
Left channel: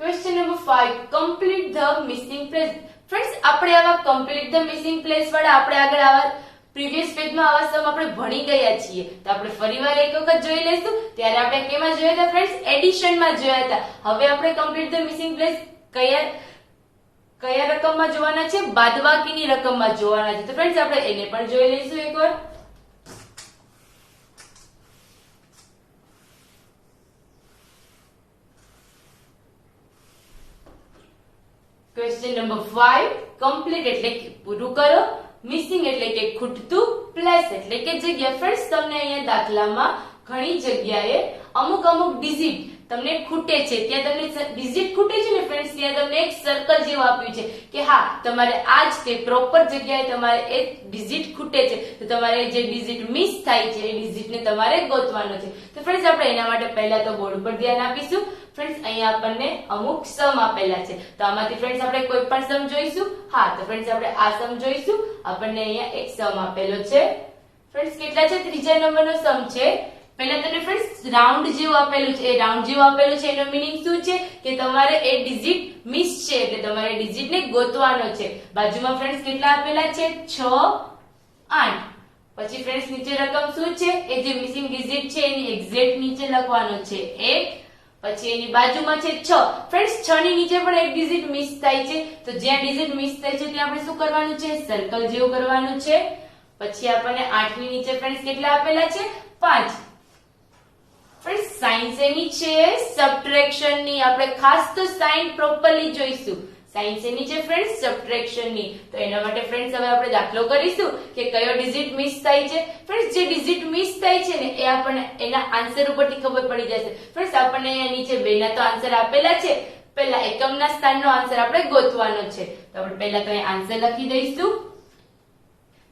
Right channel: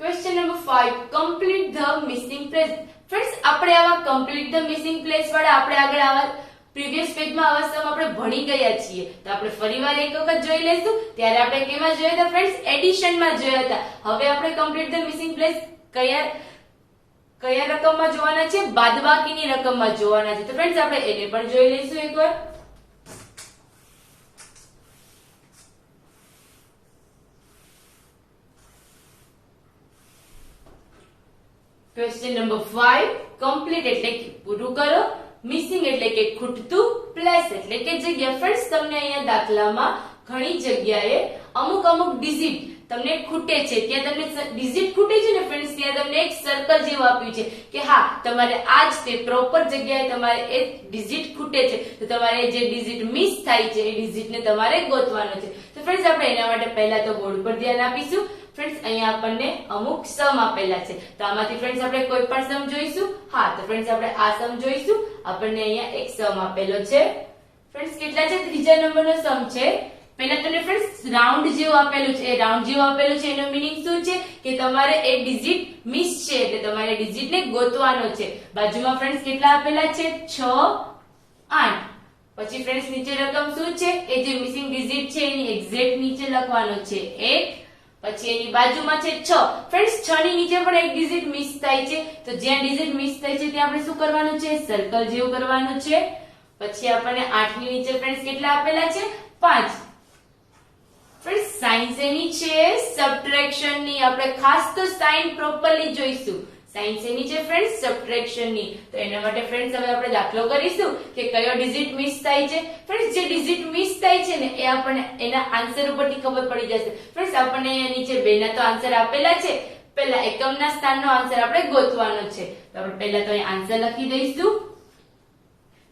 Question number 5 complete the missing place. Friends આપણે આવા કમ્પ્લીટ ધ મિસિંગ પ્લેસ વાળા આપણે આગળ આવા પ્રીવિયસ પેજમાં આવા સમ આપણે ભણી ગયા છીએ. તો આપણે ફરીવાર એક વખત જોઈ લઈશું. ત્યારે આપણે કેમાં જોયા હતા ફ્રેન્ડ્સ? એડિશનમાં જોયા હતા. હવે આપણે કમ્પ્લીટ ધ મિસિંગ પ્લેસ કયા રકમમાં જોવાના છે? બાદબાકીની રકમમાં જોવાના છે. તો ફ્રેન્ડ્સ આપણે એને પણ જોઈ લઈશું એકવાર. ક્વેશ્ચન નંબર 5 કમ્પ્લીટ એટલે કે પૂરું કરો, મિસિંગ એટલે કે ખૂટતું, પ્લેસ એટલે કે જગ્યા. ફ્રેન્ડ્સ તમને અહીંયા દાખલામાં ઘણી જગ્યાએ અમુક ડિજિટ તમને ખૂટે છે. ત્યાં તમને ડિજિટ ખૂટે છે ને ફ્રેન્ડ્સ, ત્યાં તમને એક સર્કલ જેવું આપ્યું છે કે હા તમારે આ જ તે પ્રોપર જગ્યાએ તમારે એ ડિજિટ ખૂટે છે. તો તમારે જે ડિજિટ મિસ થાય છે એ ડિજિટને તમારે ગોતવાનો છે. તો ફ્રેન્ડ્સ આપણે એના માટે પહેલા તો બોર્ડ પર ધ્યાન આપીશું. ફ્રેન્ડ્સ અહીંયા આપણને અમુક સમ આપેલા છે. તો આમાંથી ફ્રેન્ડ્સ આપણે કોઈ પણ સમ જોઈશું. હા, તો ફ્રેન્ડ્સ આપણે આ સમ જોઈશું. આપણને અહીંયા એક સમ આપેલો છે. ફ્રેન્ડ્સ કેટલા છે? ત્રીજા નંબરનો સમ છે. પહેલા તમને ફ્રેન્ડ્સ રાઉન્ડ જેવું આપેલું છે. એ રાઉન્ડ જેવું આપેલું છે એનો મીનિંગ શું છે? કે તમારે એ ડિજિટ મિસ છે એટલે તમારે ડિજિટને ગોતવાનો છે. બાજુમાં ફ્રેન્ડ્સ કેટલા આપેલા છે? 6, 8. પછી ફ્રેન્ડ્સ નીચે રકમ શું છે? એ જે મિસિંગ ડિજિટ છે એની એક્ઝેક્ટ નીચે લખવાનો છે 1. પછી એની બાજુમાં છે 6. ફ્રેન્ડ્સ 6 ની નીચે પણ એક ડિજિટ મિસ થાય છે. તો જ્યાં ડિજિટ મિસ થાય છે ત્યાં આપણે શું કરવાનું છે? સર્કલ જેવું કરવાનું છે. પછી આપણને 8 ની નીચે ફ્રેન્ડ્સ કેટલા આપેલા છે? 5. ફ્રેન્ડ્સ સાઇન શેની છે? સબટ્રેક્શન ની. આપણે ખાસ તો સાઇન પ્રોપરલી જોઈશું. સાઇન શેની છે ફ્રેન્ડ્સ? સબટ્રેક્શન ની. તો એના માટે ફ્રેન્ડ્સ હવે આપણે દાખલો કરીશું કે કયો ડિજિટ મિસ થાય છે. ફ્રેન્ડ્સ જે ડિજિટ મિસ થાય છે ને એ આપણને એના આન્સર ઉપરથી ખબર પડી જશે. ફ્રેન્ડ્સ આપણને અહીંયા નીચે 2 ના તો આન્સર આપેલા છે. પહેલા એકમના સ્થાનનો આન્સર આપણે ગોતવાનો છે. તો આપણે પહેલા તો અહીં આન્સર લખી દઈશું.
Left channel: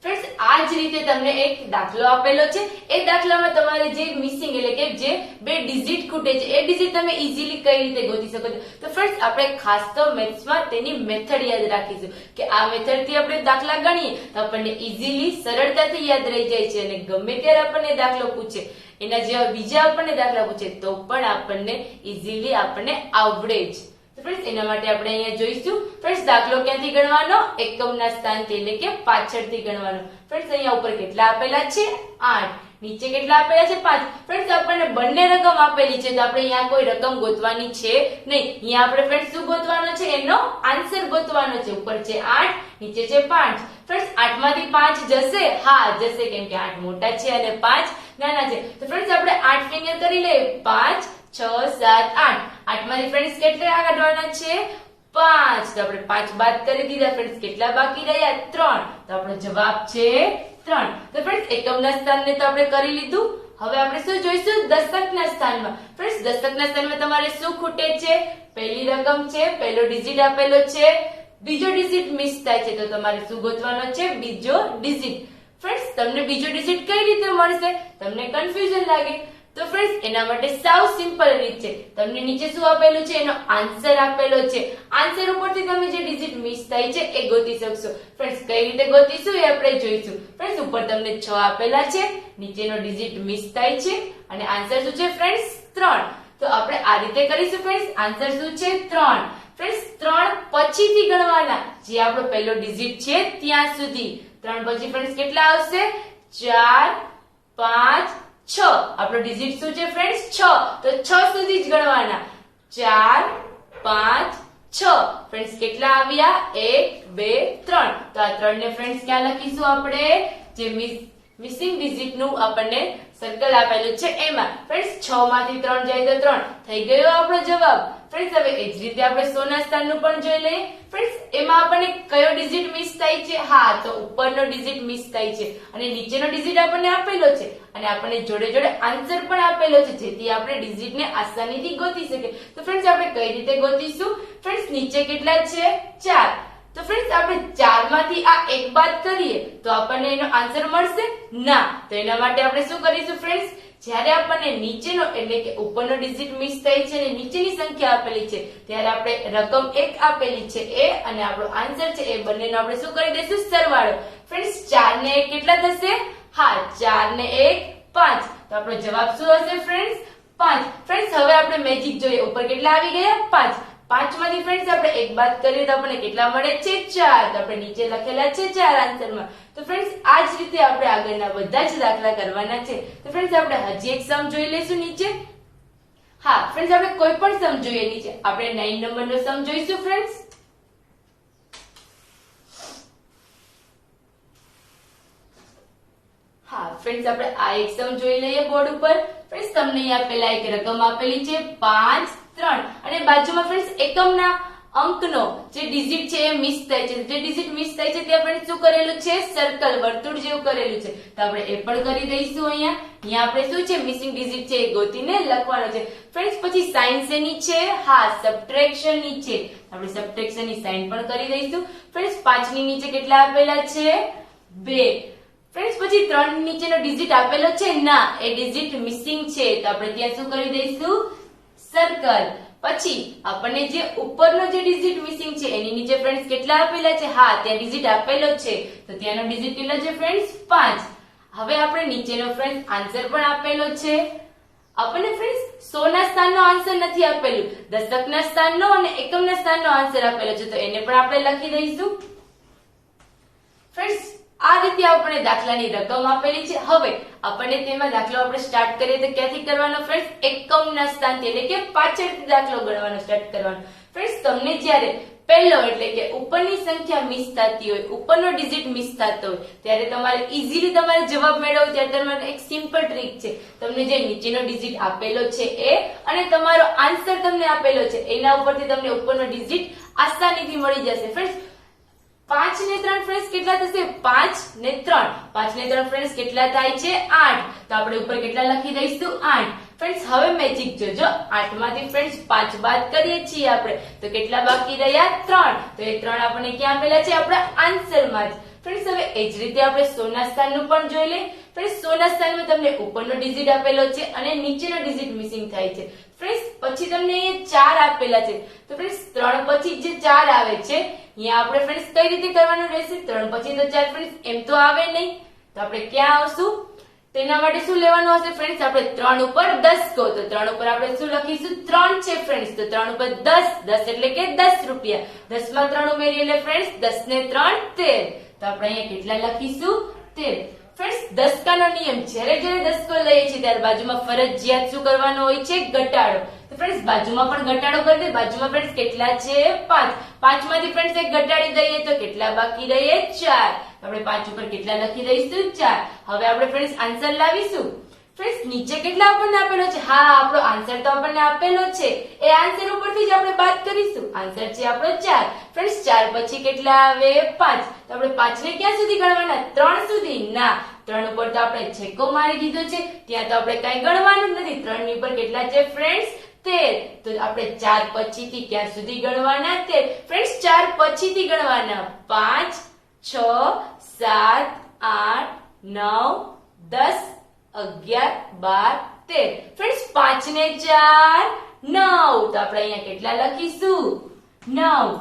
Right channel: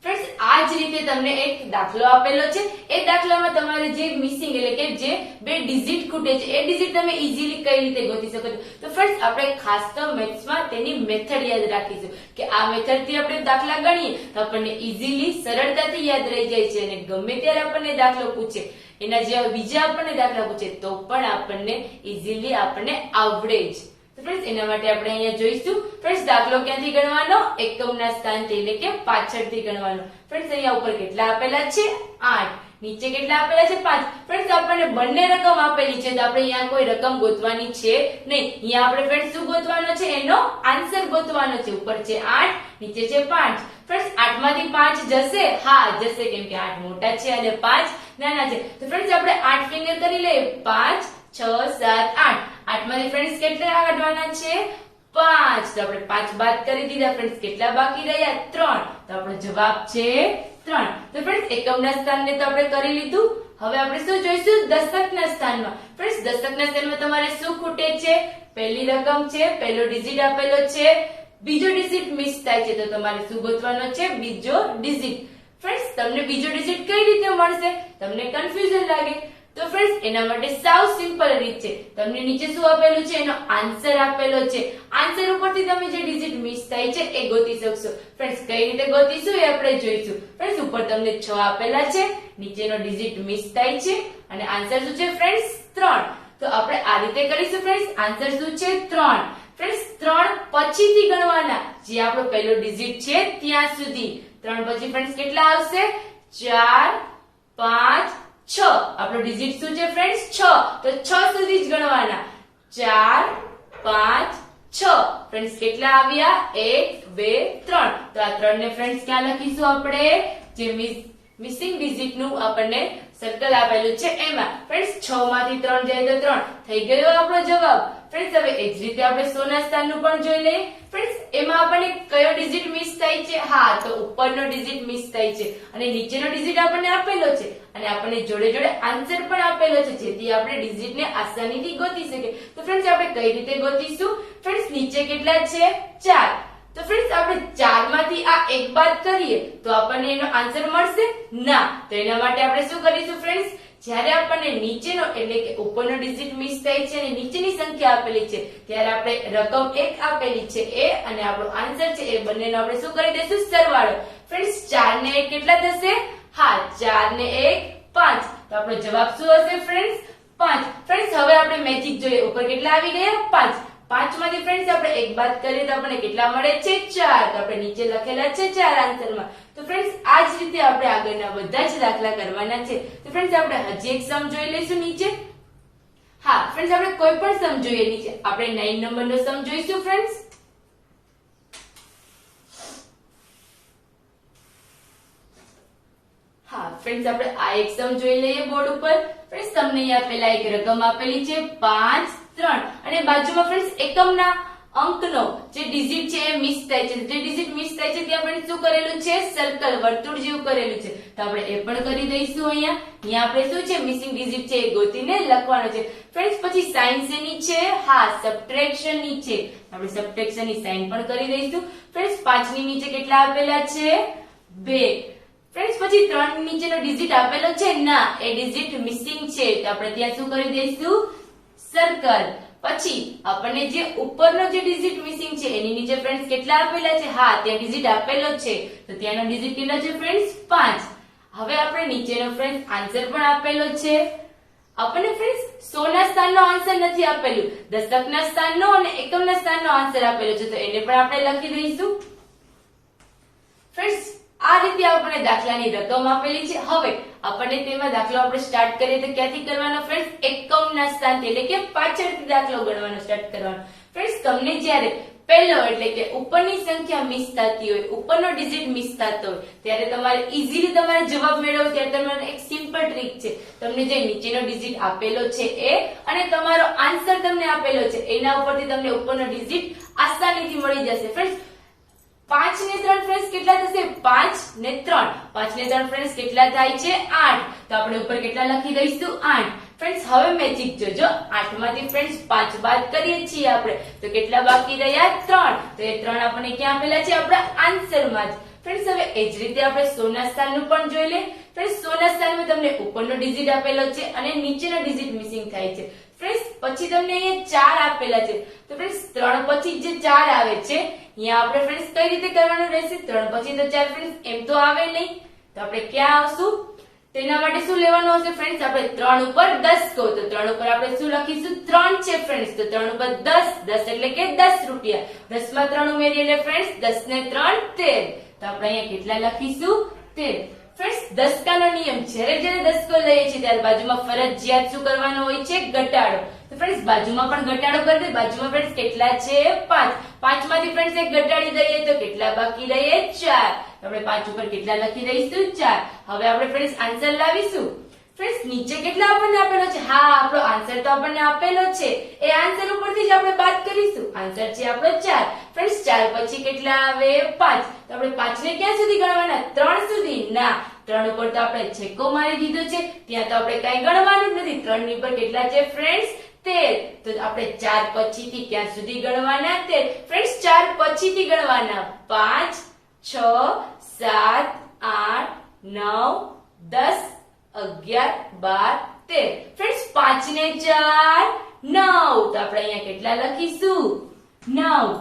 ફ્રેન્ડ્સ આ જ રીતે તમને એક દાખલો આપેલો છે. એ દાખલામાં તમારે જે મિસિંગ એટલે કે જે 2 ડિજિટ ખૂટે છે એ ડિજિટ તમે ઈઝીલી કઈ રીતે ગોતી શકો છો. તો ફ્રેન્ડ્સ આપણે ખાસ તો મેથ્સમાં તેની મેથડ યાદ રાખીશું કે આ મેથડથી આપણે દાખલા ગણીએ તો આપણને ઈઝીલી સરળતાથી યાદ રહી જાય છે અને ગમે ત્યારે આપણને દાખલો પૂછે એના જેવા બીજા આપણને દાખલા પૂછે તો પણ આપણને ઇઝીલી આપણને આવડે જ. તો ફ્રેન્ડ્સ એના માટે આપણે અહીંયા જોઈશું. ફ્રેન્ડ્સ દાખલો ક્યાંથી ગણવાનો? એકમના સ્થાનથી એટલે કે પાછળથી ગણવાનો. ફ્રેન્ડ્સ અહીંયા ઉપર કેટલા આપેલા છે? 8. નીચે કેટલા આપેલા છે? 5. ફ્રેન્ડ્સ આપણને બંને રકમ આપેલી છે તો આપણે અહીંયા કોઈ રકમ ગોતવાની છે નહીં. અહીંયા આપણે ફ્રેન્ડ્સ શું ગોતવાનો છે? એનો આન્સર ગોતવાનો છે. ઉપર છે 8, નીચે છે 5. ફ્રેન્ડ્સ 8 માંથી 5 જશે? હા જશે, કેમ કે 8 મોટા છે અને 5 નાના છે. તો ફ્રેન્ડ્સ આપણે 8 ફિંગર કરી લઈએ. 5, 6, 7, 8. 8 માંથી ફ્રેન્ડ્સ કેટલા કાઢવાના છે? 5. તો આપણે 5 બાદ કરી દીધા. ફ્રેન્ડ્સ કેટલા બાકી રહ્યા? 3. તો આપણો જવાબ છે 3. તો ફ્રેન્ડ્સ એકમના સ્થાનને તો આપણે કરી લીધું. હવે આપણે શું જોઈશું? દશકના સ્થાનમાં. ફ્રેન્ડ્સ દશકના સ્થાનમાં તમારે શું ખૂટે છે? પહેલી રકમ છે, પહેલો ડિજિટ આપેલો છે, બીજો ડિજિટ મિસ થાય છે તો તમારે શું ગોતવાનો છે? બીજો ડિજિટ. ફ્રેન્ડ્સ તમને બીજો ડિજિટ કઈ રીતે મળશે? તમને કન્ફ્યુઝન લાગે તો ફ્રેન્ડ્સ એના માટે સાવ સિમ્પલ રીત છે. તમને નીચે શું આપેલું છે? એનો આન્સર આપેલો છે. આન્સર ઉપરથી તમે જે ડિજિટ મિસ થાય છે એ ગોતી શકશો. ફ્રેન્ડ્સ કઈ રીતે ગોતીશું એ આપણે જોઈશું. ફ્રેન્ડ્સ ઉપર તમને 6 આપેલા છે, નીચેનો ડિજિટ મિસ થાય છે અને આન્સર શું છે? ફ્રેન્ડ્સ 3. તો આપણે આ રીતે કરીશું. ફ્રેન્ડ્સ આન્સર શું છે? 3. ફ્રેન્ડ્સ 3 પછીથી ગણવાના, જે આપણો પહેલો ડિજિટ છે ત્યાં સુધી. 3 પછી ફ્રેન્ડ્સ કેટલા આવશે? 4, 5, 6. આપણો ડિજિટ શું છે ફ્રેન્ડ્સ? 6. તો 6 સુધી જ ગણવાના. 4, 5, 6. ફ્રેન્ડ્સ કેટલા આવ્યા? 1, 2, 3. તો આ 3 ને ફ્રેન્ડ્સ ક્યાં લખીશું આપણે? જે મિસિંગ ડિજિટ નું આપણને સર્કલ આપેલું છે એમાં. ફ્રેન્ડ્સ 6 માંથી 3 જાય તો 3 થઈ ગયો આપણો જવાબ. ફ્રેન્ડ્સ હવે એ જ રીતે આપણે 100 ના સ્થાનનું પણ જોઈ લઈએ. ફ્રેન્ડ્સ એમાં આપણને કયો ડિજિટ મિસ થાય છે? હા, તો ઉપરનો ડિજિટ મિસ થાય છે અને નીચેનો ડિજિટ આપણને આપેલો છે અને આપણને જોડે જોડે આન્સર પણ આપેલો છે, જેથી આપણે ડિજિટને આસાનીથી ગોતી શકીએ. તો ફ્રેન્ડ્સ આપણે કઈ રીતે ગોતીશું? ફ્રેન્ડ્સ નીચે કેટલા છે? 4. તો ફ્રેન્ડ્સ આપણે 4 માંથી આ 1 બાદ કરીએ તો આપણને એનો આન્સર મળશે? ના. તો એના માટે આપણે શું કરીશું? ફ્રેન્ડ્સ જ્યારે આપણને નીચેનો એટલે કે ઉપરનો ડિજિટ મિસ થાય છે અને નીચેની સંખ્યા આપેલી છે ત્યારે આપણે રકમ 1 આપેલી છે એ અને આપણો આન્સર છે એ બંનેનો આપણે શું કરી દઈશું? સરવાળો. ફ્રેન્ડ્સ 4 ને 1 કેટલા થશે? હા, 4 ને 1 5. તો આપણો જવાબ શું હશે ફ્રેન્ડ્સ? 5. ફ્રેન્ડ્સ હવે આપણે મેજિક જોઈએ. ઉપર કેટલા આવી ગયા? 5. 5 માંથી ફ્રેન્ડ્સ આપણે 1 બાદ કરીએ તો આપણને કેટલા મળે છે? 4. તો આપણે નીચે લખેલા છે 4 આન્સરમાં. તો ફ્રેન્ડ્સ આ જ રીતે આપણે આગળના બધા જ દાખલા કરવાના છે. તો ફ્રેન્ડ્સ આપણે હજી એક સમ જોઈ લઈશું નીચે. હા ફ્રેન્ડ્સ આપણે કોઈ પણ સમ જોઈએ નીચે. આપણે 9 નંબરનો સમ જોઈશું ફ્રેન્ડ્સ. હા ફ્રેન્ડ્સ આપણે આ એક સમ જોઈ લઈએ બોર્ડ ઉપર. ફ્રેન્ડ્સ તમને અહીંયા પેલા એક રકમ આપેલી છે 5, 3 અને બાજુમાં ફ્રેન્ડ્સ એકમના અંકનો જે ડિજિટ છે એ મિસ થાય છે. જે ડિજિટ મિસ થાય છે ત્યાં ફ્રેન્ડ્સ શું કરેલું છે? સર્કલ, વર્તુળ જેવું કરેલું છે. તો આપણે એ પણ કરી દઈશું. અહીંયા આપણે શું છે? મિસિંગ ડિજિટ છે એ ગોતીને લખવાનો છે. ફ્રેન્ડ્સ પછી સાઇન શેની છે? હા, સબટ્રેક્શન ની છે. આપણે સબટ્રેક્શન ની સાઇન પણ કરી દઈશું. ફ્રેન્ડ્સ 5 ની નીચે કેટલા આપેલા છે? 2. ફ્રેન્ડ્સ પછી 3 ની નીચેનો ડિજિટ આપેલો છે? ના, એ ડિજિટ મિસિંગ છે તો આપણે ત્યાં શું કરી દઈશું? સર્કલ. પછી આપણને જે ઉપરનો જે ડિજિટ મિસિંગ છે એની નીચે ફ્રેન્ડ્સ કેટલા આપેલા છે? હા, ત્યાં ડિજિટ આપેલો છે તો ત્યાંનો ડિજિટ કેટલો છે ફ્રેન્ડ્સ? 5. હવે આપણે નીચેનો ફ્રેન્ડ્સ આન્સર પણ આપેલો છે. આપણને ફ્રેન્ડ્સ 100 ના સ્થાનનો આન્સર નથી આપેલું, દશકના સ્થાનનો અને એકમના સ્થાનનો આન્સર આપેલો છે તો એને પણ આપણે લખી દઈશું. ફ્રેન્ડ્સ આ રીતે આપણને દાખલાની રકમ આપેલી છે. હવે આપણને તેમાં દાખલો આપણે સ્ટાર્ટ કરીએ તો ક્યાંથી કરવાનો ફ્રેન્ડ્સ? એકમના સ્થાનથી એટલે કે પાછળથી દાખલો ગણવાનો સ્ટાર્ટ કરવાનો. ફ્રેન્ડ્સ તમને જ્યારે પહેલો એટલે કે ઉપરની સંખ્યા મિસ થતી હોય, ઉપરનો ડિજિટ મિસ થતો હોય ત્યારે તમારે ઈઝીલી તમારે જવાબ મેળવવો ત્યારે તમારે એક સિમ્પલ ટ્રીક છે. તમને જે નીચેનો ડિજિટ આપેલો છે એ અને તમારો આન્સર તમને આપેલો છે એના ઉપરથી તમને ઉપરનો ડિજિટ આસાનીથી મળી જશે. ફ્રેન્ડ્સ 5 ને 3 ફ્રેન્ડ્સ કેટલા થશે? 5 ને 3. 5 ને 3 ફ્રેન્ડ્સ કેટલા થાય છે? 8. તો આપણે ઉપર કેટલા લખી દઈશું? 8. ફ્રેન્ડ્સ હવે મેજિક જોજો. 8 માંથી ફ્રેન્ડ્સ 5 બાદ કરીએ છીએ આપણે તો કેટલા બાકી રહ્યા? 3. તો એ 3 આપણને ક્યાં આપેલા છે? આપણા આન્સરમાં જ. ફ્રેન્ડ્સ હવે એ જ રીતે આપણે 100 ના સ્થાનનું પણ જોઈ લઈએ. ફ્રેન્ડ્સ 100 ના સ્થાનમાં તમને ઉપરનો ડિજિટ આપેલો છે અને નીચેનો ડિજિટ મિસિંગ થાય છે. ફ્રેન્ડ્સ પછી તમને અહીંયા 4 આપેલા છે તો ફ્રેન્ડ્સ 3 પછી જે 4 આવે છે અહીંયા આપણે ફ્રેન્ડ્સ કઈ રીતે કરવાનું રહેશે? 3 પછી તો 4 ફ્રેન્ડ્સ એમ તો આવે નહીં તો આપણે ક્યાં આવશું? તો એના માટે શું લેવાનું હશે ફ્રેન્ડ્સ? આપણે 3 ઉપર 10 કહો તો 3 ઉપર આપણે શું લખીશું? 3 છે ફ્રેન્ડ્સ, તો 3 ઉપર 10, 10 એટલે કે 10 રૂપિયા. 10 માં 3 ઉમેરીએ એટલે ફ્રેન્ડ્સ 10 ને 3 13. તો આપણે અહીંયા કેટલા લખીશું? 13. ફ્રેન્ડ્સ દસકાનો નિયમ, જ્યારે દસકો લઈએ છીએ ત્યારે બાજુમાં ફરજિયાત શું કરવાનો હોય છે? ઘટાડો. તો ફ્રેન્ડ્સ બાજુમાં પણ ઘટાડો કરી દે. બાજુમાં ફ્રેન્ડ્સ કેટલા છે? 5. 5 માંથી ફ્રેન્ડ્સ એક ઘટાડી દઈએ તો કેટલા બાકી રહે? 4. તો આપણે 5 ઉપર કેટલા લખી દઈશું? 4. હવે આપણે ફ્રેન્ડ્સ આન્સર લાવીશું. ફ્રેન્ડ્સ નીચે કેટલા આપણને આપેલો છે? હા, આપણો આન્સર તો આપણને આપેલો છે. એ આન્સર ઉપરથી જ આપણે બાદ કરીશું. આન્સર છે આપણો 4. ફ્રેન્ડ્સ 4 પછી કેટલા આવે? 5. તો આપણે 5 ને ક્યાં સુધી ગણવાના? 3 સુધી? ના, 3 ઉપર તો આપણે છેકો મારી દીધો છે, ત્યાં તો આપણે કઈ ગણવાનું જ નથી. 3 ની ઉપર કેટલા છે ફ્રેન્ડ્સ? 13. તો આપણે 4 પછીથી ક્યાં સુધી ગણવાના? 13. ફ્રેન્ડ્સ 4 પછીથી ગણવાના. 5 6 7 8 9 10 11 12 13. ફ્રેન્ડ્સ 5 ને 4 9. તો આપણે અહીંયા કેટલા લખીશું? 9.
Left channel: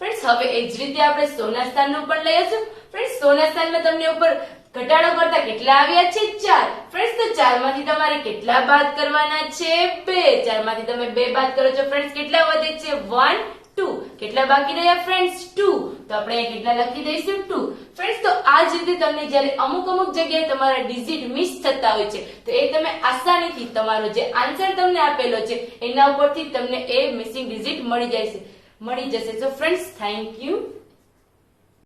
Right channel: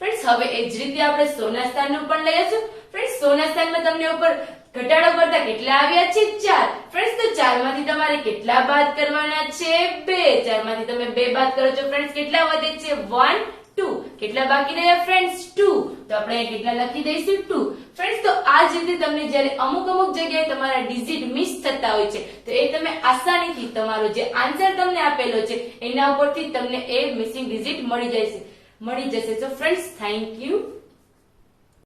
ફ્રેન્ડ્સ હવે એ જ રીતે આપણે સોના સ્થાનનું પણ લઈશું. ફ્રેન્ડ્સ સોના સ્થાનમાં તમને ઉપર ઘટાડો કરતા કેટલા આવ્યા છે? 4. ફ્રેન્ડ્સ તો 4 માંથી તમારે કેટલા બાદ કરવાના છે? 2. 4 માંથી તમે 2 બાદ કરો છો ફ્રેન્ડ્સ કેટલા વધે છે? 1 2. કેટલા બાકી રહ્યા ફ્રેન્ડ્સ? 2. તો આપણે અહીંયા કેટલા લખી દઈશું? 2. ફ્રેન્ડ્સ તો આ જ રીતે તમને જ્યારે અમુક જગ્યાએ તમારા ડિજિટ મિસ થતા હોય છે તો એ તમે આસાનીથી તમારો જે આન્સર તમને આપેલો છે એના ઉપરથી તમને એ મિસિંગ ડિજિટ મળી જશે. So friends, thank you.